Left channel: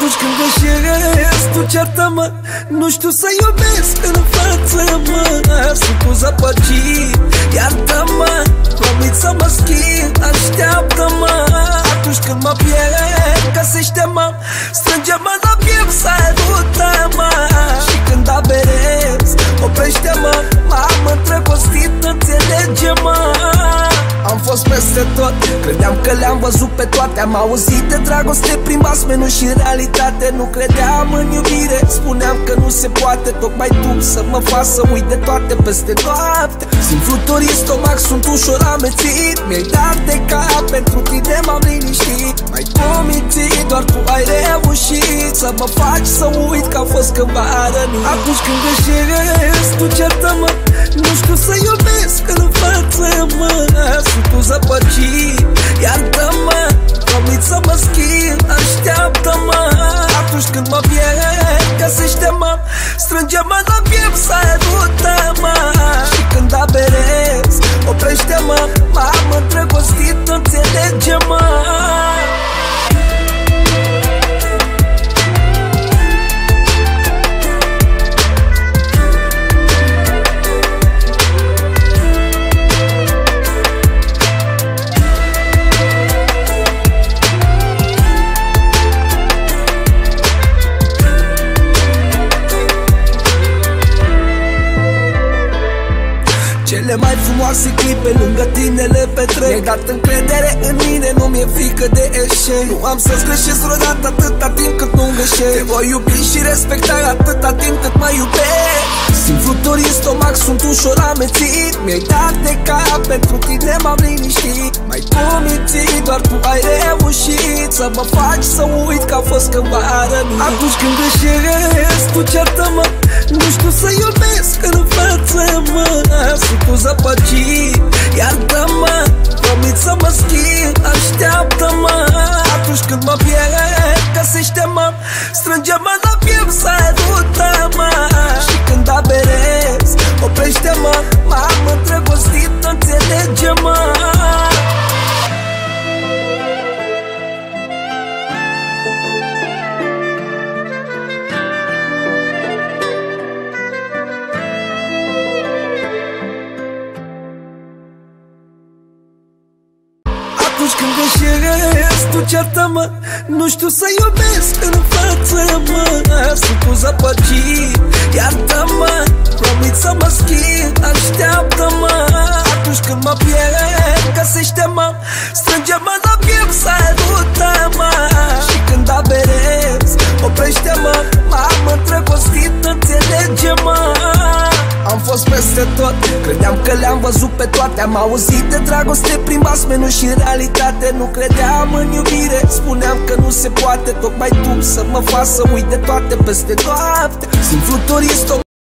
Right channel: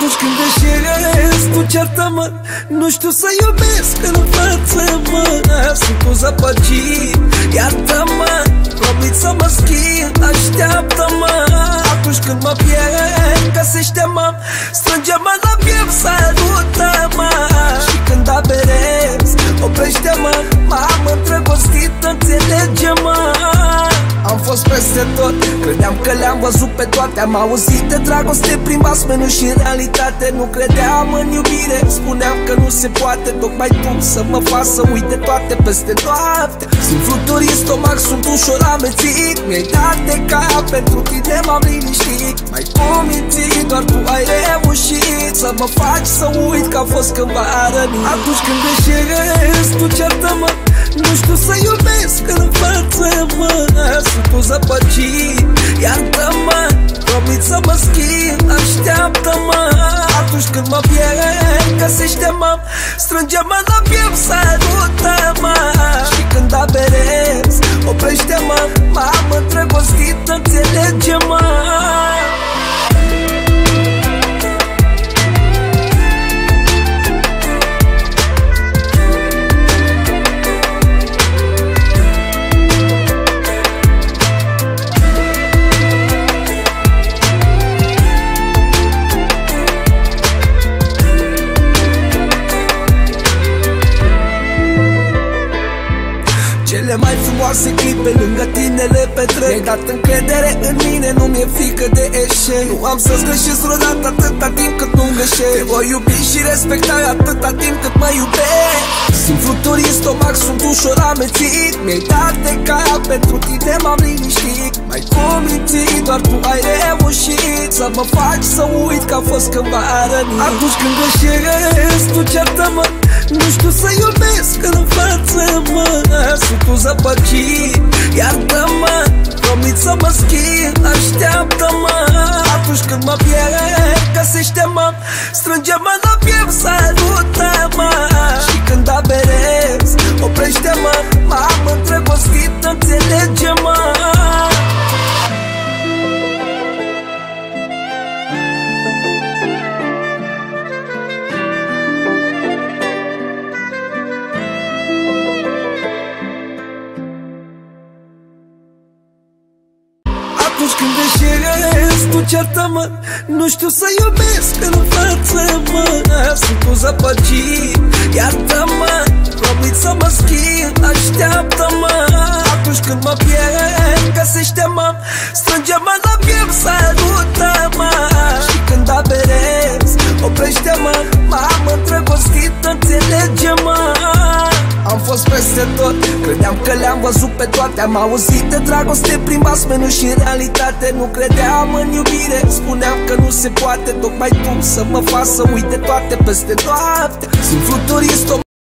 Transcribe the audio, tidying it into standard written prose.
Atunci când greșesc, tu ceartă-mă. Nu știu să iubesc în față, mă. Sunt un zăpăcit, iartă-mă. Promit să mă schimb, așteaptă-mă. Atunci când mă pierd, găsește-mă. Strânge-mă la piept, salută-mă. Și când aberez, oprește-mă. M-am îndrăgostit, înțelege-mă. Am fost peste tot, credeam că le-am văzut pe toate. Am auzit de dragoste prin basmenul și în realitate nu credeam în iubire. Spuneam că nu se poate, tocmai tu să mă faci să uit de toate peste noapte. Simt fluturi în stomac, sunt ușor amețit. Mi-ai dat de cap, pentru tine m-am liniștit. M-ai pomințit, doar tu ai reușit să mă faci să uit că a fost cândva rănit. Atunci când greșesc, tu ceartă-mă. Nu știu să iubesc în față, mă. Sunt un zăpăcit, iartă-mă. Promit să mă schimb, așteaptă-mă. Atunci când mă pierd, găsește-mă. Strânge-mă la piept, salută-mă. Și când aberez, oprește-mă. M-am îndrăgostit, înțelege-mă. Cele mai frumoase clipe lângă tine le petrec. Mi-ai dat încredere în mine, nu mi-e frică de eșec. Nu am să-ți greșesc vreodată atâta timp cât nu greșesc. Te voi iubi și respecta atâta timp cât mă iubești. Simt fluturi în stomac, sunt ușor amețit. Mi-ai dat de cap, pentru tine m-am liniștit. M-ai pomințit, doar tu ai reușit să mă faci să uit că a fost cândva rănit. Atunci când greșesc, tu ceartă-mă. Nu știu să iubesc în față, mă. Sunt un zăpăcit, iartă-mă. Promit să mă schimb, așteaptă-mă. Atunci când mă pierd, găsește-mă. Strânge-mă la piept, salută-mă. Și când aberez, oprește-mă. M-am îndrăgostit, înțelege-mă. Atunci când greșesc, tu ceartă-mă. Nu știu să iubesc în față, mă. Sunt un zăpăcit, iartă-mă. Promit să mă schimb, așteaptă-mă. Atunci când mă pierd, găsește-mă. Strânge-mă la piept, salută-mă. Și când aberez, oprește-mă. M-am îndrăgostit, înțelege-mă. Am fost peste tot, credeam că le-am văzut pe toate. Am auzit de dragoste prin basmenul și în realitate nu credeam în iubire. Spuneam că nu se poate, tocmai tu să mă faci să uit de toate peste noapte. Simt fluturi în stomac.